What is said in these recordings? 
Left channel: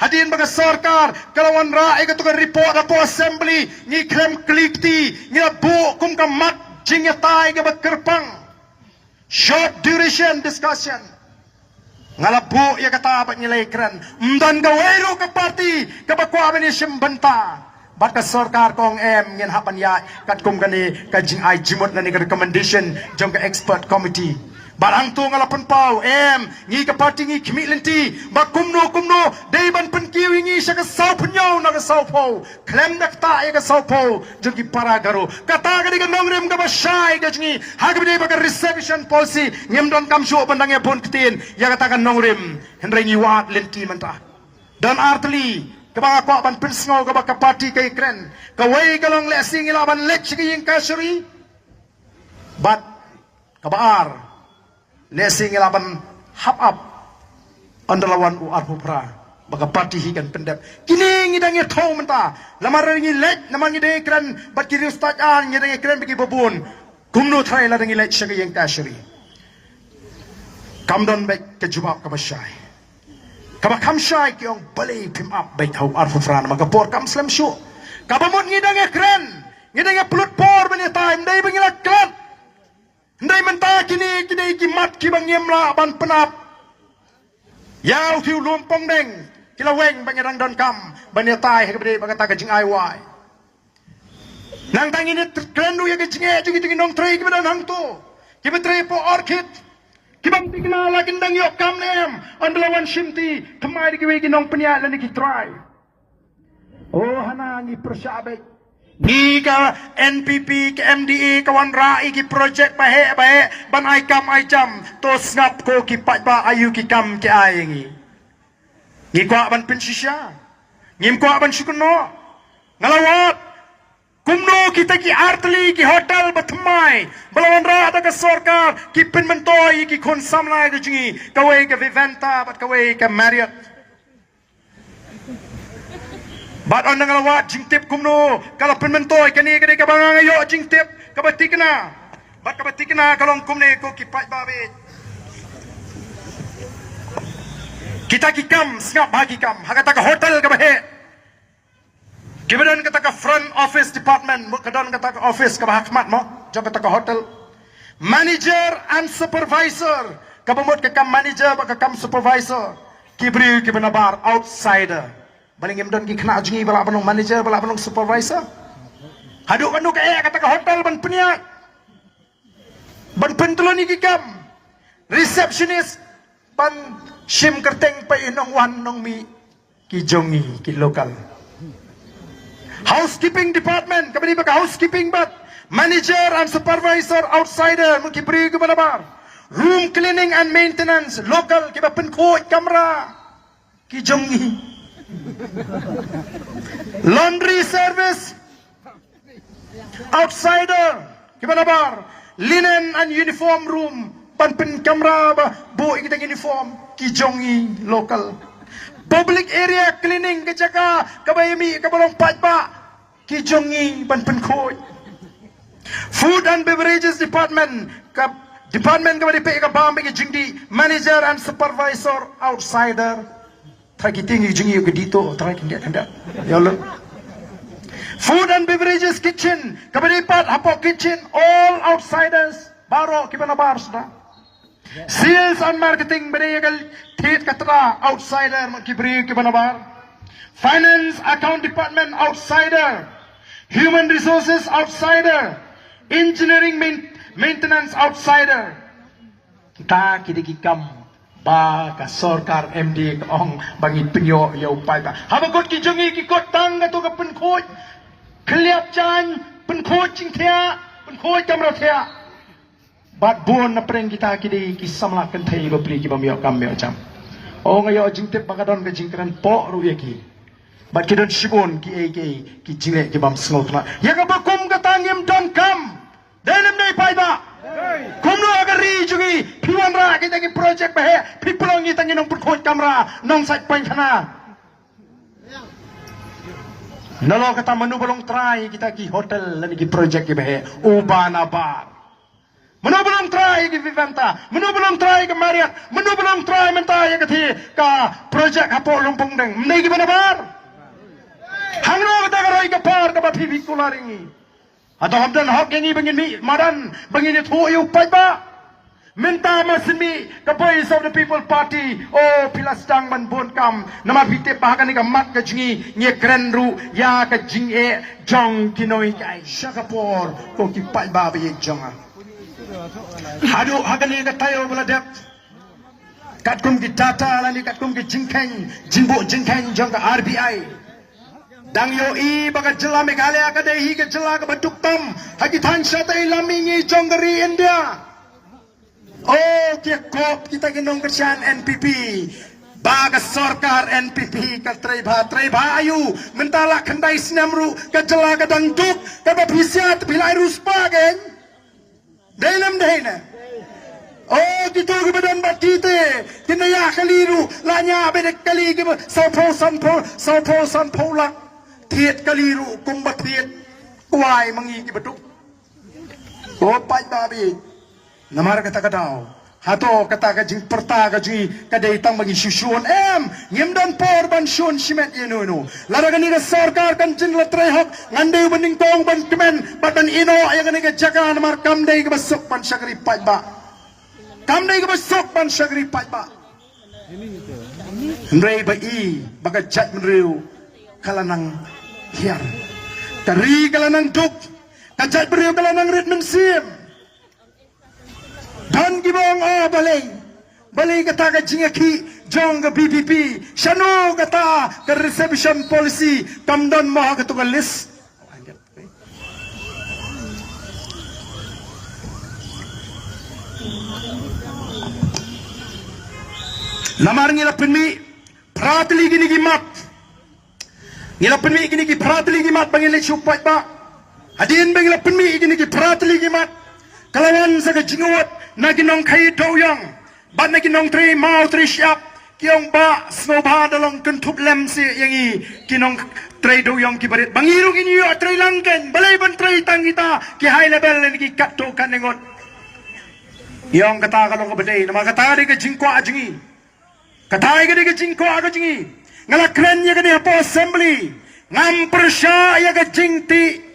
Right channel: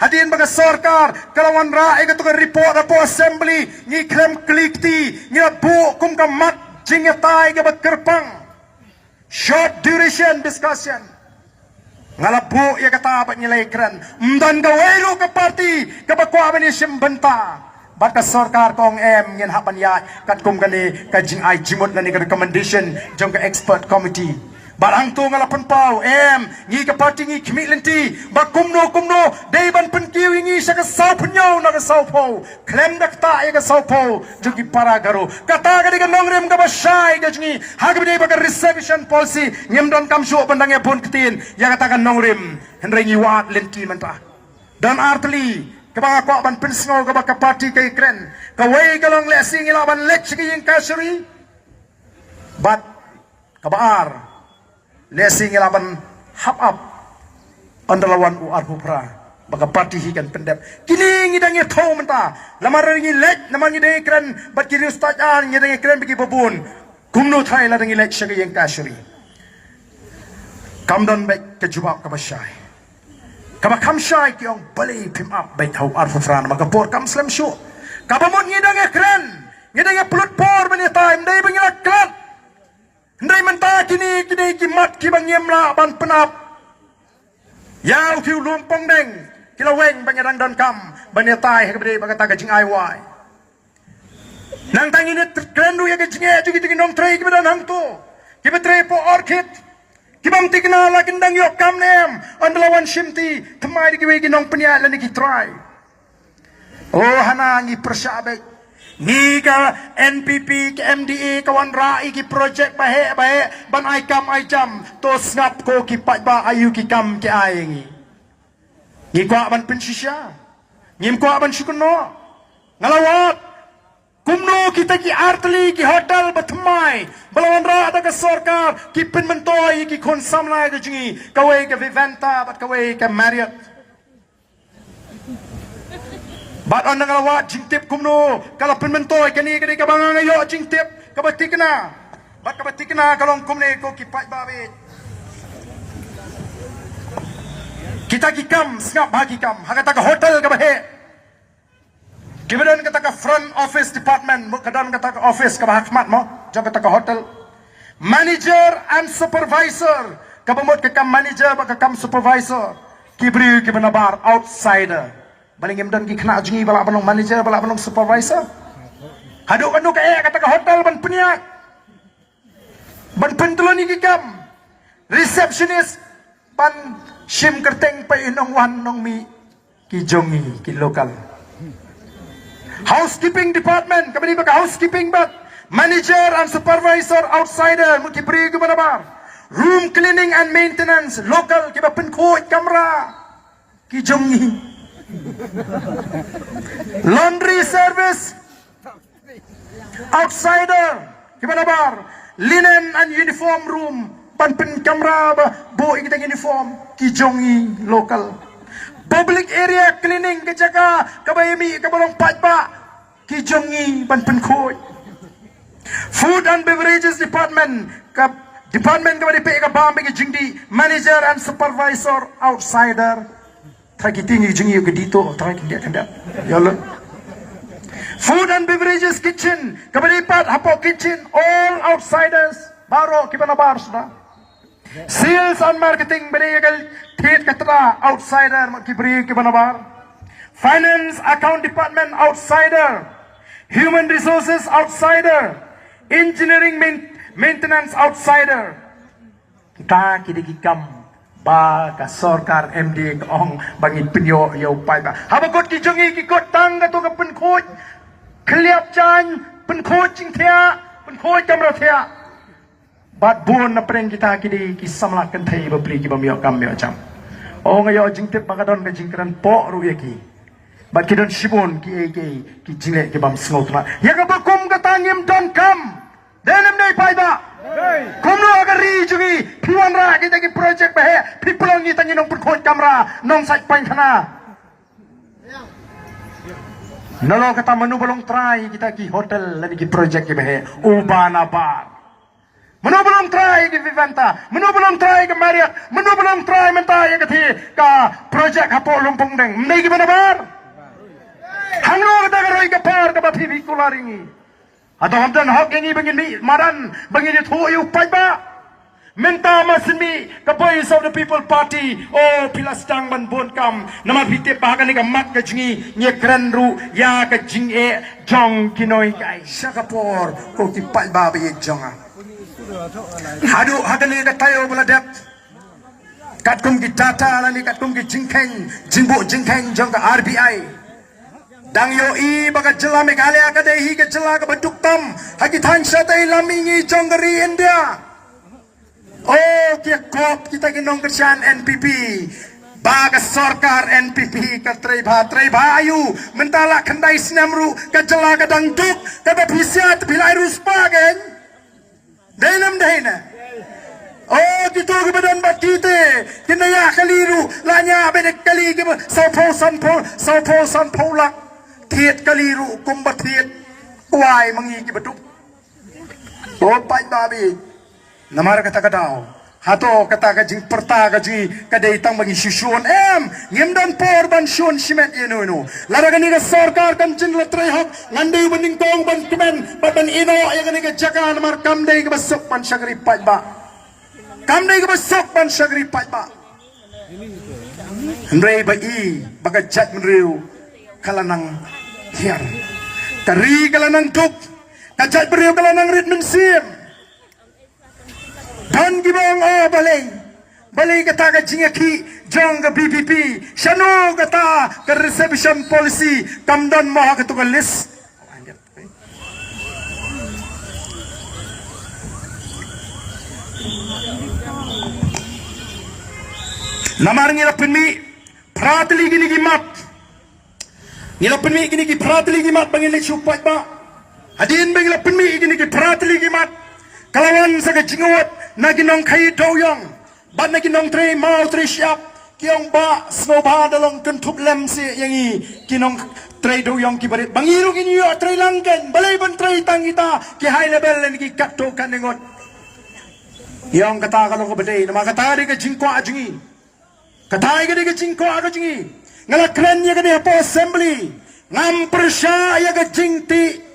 Hadirin baga sarkar kalawan ra'i katukan report apo assembly ni krem klikti ni bu kum ka mat jing yatai ka kerpang short duration discussion ngalabu ya kata apa nilai keren dan gawairu ke parti ke bakwa bani simbenta bat ka sarkar kong ngin hapan ya kat kum kani ka jing ai jimot ngani ka recommendation jong ka expert committee barang tu ngalapan pau ngi ka parti ngi kimitlenti ba kumno dai ban penkiu ngi sa ka sau punyo na ka sau pau klem dakta e ka sau pau jogi para garo kata ka diga mangrem ka basai ka ngi hagbi dai ba ka reception policy ngim don kam shu bandang e bon kitin ya kata ka nangrem henre ngi wat lenti menta dan artli kaba ko ban pensno ka ba ka parti kay kren ka way ka lang lesing ila ban lek sige yung kasuri but kabaar lesing ilaban hak up pandalawan u arhupra baga parti hikan pendap kini ngidang ya tau menta lamar ngi lek lamar ngi dei kran bat kiri ustad an ngi dei kran bagi babun kumno thai la ngi lek shagi yang kasuri kamdan baik kejubak kabashai kaba kamshai ki ong balai pim up baik kau arhupra baga por kam slam shu kabamon ngidang ya kran ngidang ya pulut por bani time dei bagi klan ndai menta kini kimat ki bang yemla ban penap yang kiu lumpong deng kila weng bang rang don kam ban tai ke bade bang ta ka jing ai wai nang tangi ne krenu ya ke jing jing nong trei ki badan hang tu ki betre po orchid ki bam tikna la kindang yok kam nem andlawan shimti thmai ki we ki nong penya la ni ki try oh hana ngi persabek ni ka NPP ke MDA kawan rai ki project bahe ban ai kam ai jam to snap ko ki pat ba ayu ki kam ki ai ni ko ban pensisya ngim ko ban sikuno ngalawat kumno kita ki artli ki hotel batmai balawan ra ada ka sarkar ki penmentoi ki konsam lai de jingi kawai ka Vivanta bat kawai ka Marriott bat an ngawat jingtip kumno kala penmentoi kani kani ka bang ayo jingtip kabatikna bat kabatikna kalong kumne ko kipat babe kita kikam snap bagi kam hakata ka hotel ka bahe kibadan kata ka front office department kadan kata ka office ka bahakmat mo jang kata ka hotel manager and supervisor kabamot ka kam manager ba ka kam supervisor kibri kibanabar outsider balingin dan ki kena jungi bala balong manager bala balong supervisor haduk bandu kaya kata ka hotel ban peniak ban pentuloni ki kam receptionist ban sim kerteng pa inong wan nong mi ki jongi ki lokal housekeeping department kabani ba ka housekeeping but manager and supervisor outsider mo ki pri ki balabar room cleaning and maintenance local ki ba penko kamera ki jongi laundry service outsider kibanabar linen and uniform room panpen kamera bu kita uniform kijongi local public area cleaning kejaga kabayami kabalong patpa kijongi panpen khoi food and beverages department department kabadi pe ka bambe ki jingdi manager and supervisor outsider Tagi tinggi jengi ke dito, tagi kanda. Yalo. Food and beverages kitchen, kabalipat hapo kitchen, all outsiders. Baro kibanabar sudah. Sales and marketing beregal tit katra outsider kibri kibanabar. Finance account department outsider. Human resources outsider. Engineering maintenance outsider. Kita kidikikam ba ka sarkar MD ong bangin penyo yo pai ba habakot ki jongi ki kot tang ka to ka penkhoj kliap chan penkhoj ching thia penkhoj kamra thia bat bon na preng kita ki di ki samla kan thai ba pri ki ba myo kam myo cham ong yo jing te pagadon ka jingkran po ru ye ki bat ki don sibon ki jinge ki bam snot na ya ka ba kum ka tangim don kam denem dai pai ba kumno agari jugi piwan ra kita ki project bahe pipulong ni tangin nong perkhot kamera nong site point kana nalo kata manu bolong try kita ki hotel lagi ki project ki bahe ubana bar Mano belum try ke Vivanta, mano belum try ke Marriott, mano belum try mentah yang kati ka projek Hapok Lumpung deng. Mendai gimana bar? Hangno kata keroi ke par ke bati Victoria ringi. Atau hamdan hak yang ini begini maran begini tuyu pajba. Minta masmi the Voice of the People Party oh pilas tang ban bon kam nama bite bahagan ni mat ka jingi nye kran ru ya ka jing e jong kinoi kai Singapore ko ki pat ba be jonga hadu hagan ni ka tayo bula dep kat kum ki tata la ni kat kum ki jingkeng jingbo jingkeng jong ka RBI dang yo i baga jela Meghalaya ka dei ka jela ka baduk tam hagi than sa tai lamingi jong gari India. Oh, kop kita ginong kerjaan NPP. Baga sarkar NPP ka treba ayu mentala kandai snamru ka jela ka dangduk ka bapisiat bilai ruspagen. Dalam dahina. Oh, gitu ke badan batite. Kinaya kaliru lanya benek kali ke saupo sanpo la. Tiet kaliru kumbatit. Uai mengi ki beduk. Oh, pai babi. Namar kata kadau, hato kata kajing perta kajing kadai tang bagi susun ngimdan por ban susun simet inu. Laragan ni sarkar kan jin letrai hak ngandai banding tong ban kemen badan ino yang ni ke jaka namar kamdai ke besok pan sagri pajba. Kamdai ke besok pan sagri pajba. Hendrai bai baga jat mriu kalanang hiang. Tari kalanang tuk, kajat mriu kalanang ritmen sim. Dan gibang balay kata ka jingaki jong ka BPP shano kata ka reception policy kamdan maha katungan list mamar ngila penmi pratli gini gimat ngila penmi gini gi pratli gimat bangile supat ba hadin bangila penmi gini gi pratli gimat kalawan sa ka jingawat naginong kay doyong ban naginong tre mau tre siap kiong ba snoba dalong kentup lem si yang i kinong tre doyong kibarit bangirong inyo tre langken balay ban tre tangita ki high level len ki kapto kaningot yang kata kalong kabade nama kata di ka jingko ajingi kata di ka jingko ajingi ngalakran ya ka di apa assembly ngam persya ya ka jingti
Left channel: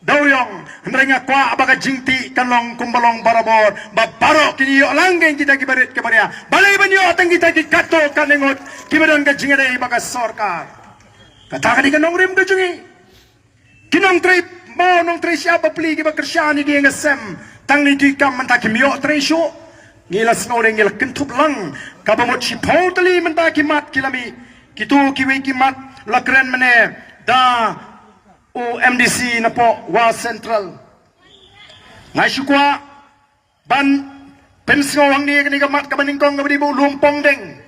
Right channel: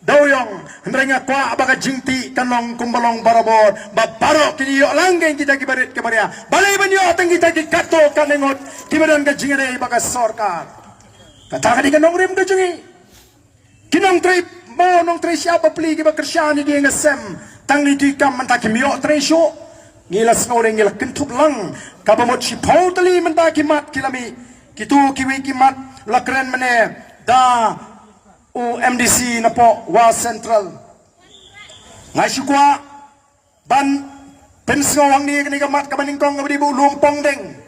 doyong hendaknya kwa abaga jingti kanong kumbalong barabor babaro kini yo langgeng kita kibarit kebaria balai banyo ateng kita dikato kanengot kibadan ka jingare baga sarkar kata ka di kanong rim ka jingi kinong trip mau nong tre siapa pli kiba kersyani di ngasem tang ni di kam mentaki miyo tre syo ngila snoreng ngila kentup lang kabamot si pautali mentaki mat kilami kitu kiwi kimat lakren mene da MDC na po wa central ngasukwa ban pensko wang ni kini kamat kabaningkong kabadi bu lumpong deng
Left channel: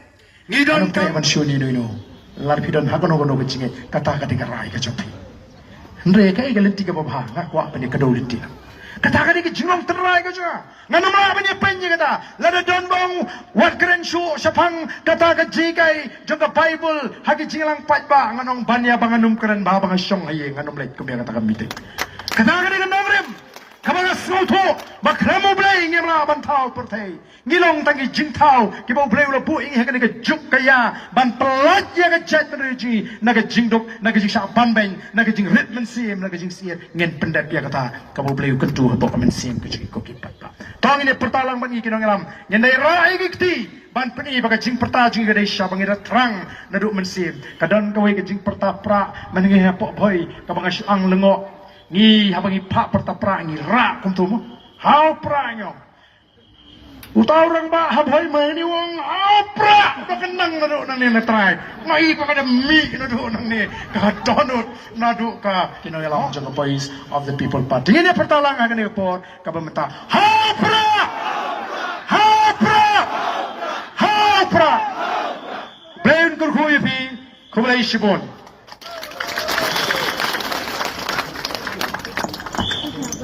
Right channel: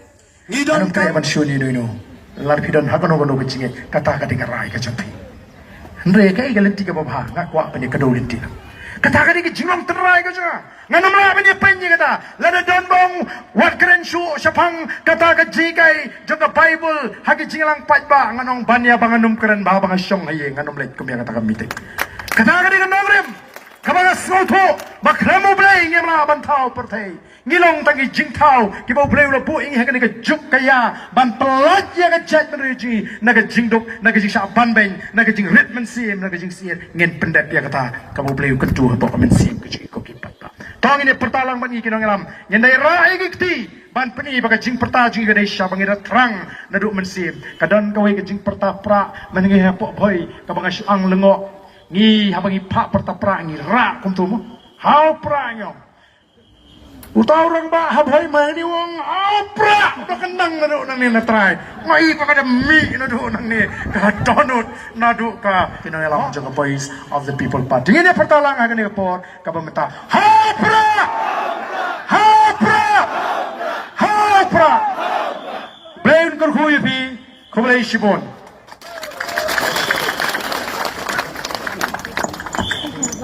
ngidon kay ban shoni no lar kidon hakono gono kecing kata kati karai ka champi ndre kay galenti ka babha ngakwa pani kadoliti kata kati ki jingong terai ka ja ngano ma pani penyi kata lada don bong wat kren shu sapang kata ka jikai jaga bible hagi jingalang patba nganong banya banganum kren ba bang syong haye nganom lek kumya kata kamite kata kati ka nomrem kabanga soto bakramo blay ngemra bantao pertai ngilong tangi jingtao kibau blay ulah buing hakan ka juk kaya ban pelat ya ka chat menuji naga jingdok naga jing ban bang naga jing ritmen sim naga jing siet ngen pendak ya kata kamu blay kentur to kamen sim ke jing koki patba tang ini pertalang bangi kinong alam nyendai rai gikti ban peni baga jing perta jing gadai sya bangira terang naduk mensim kadon kawai ke jing perta pra menengi hapok boy kabanga syang lengok ni habangi pak pertapra ni rak kumtumu hau pranyo utau orang ba habai mani wong apra ka kendang nadu nang ni natrai ngai pa kada mi nadu nang ni ka donut nadu ka kinangalang jaga Voice of the People Party ini pertalang akan ni por ka bangta hapra blain kur khuyi bi khublai sibon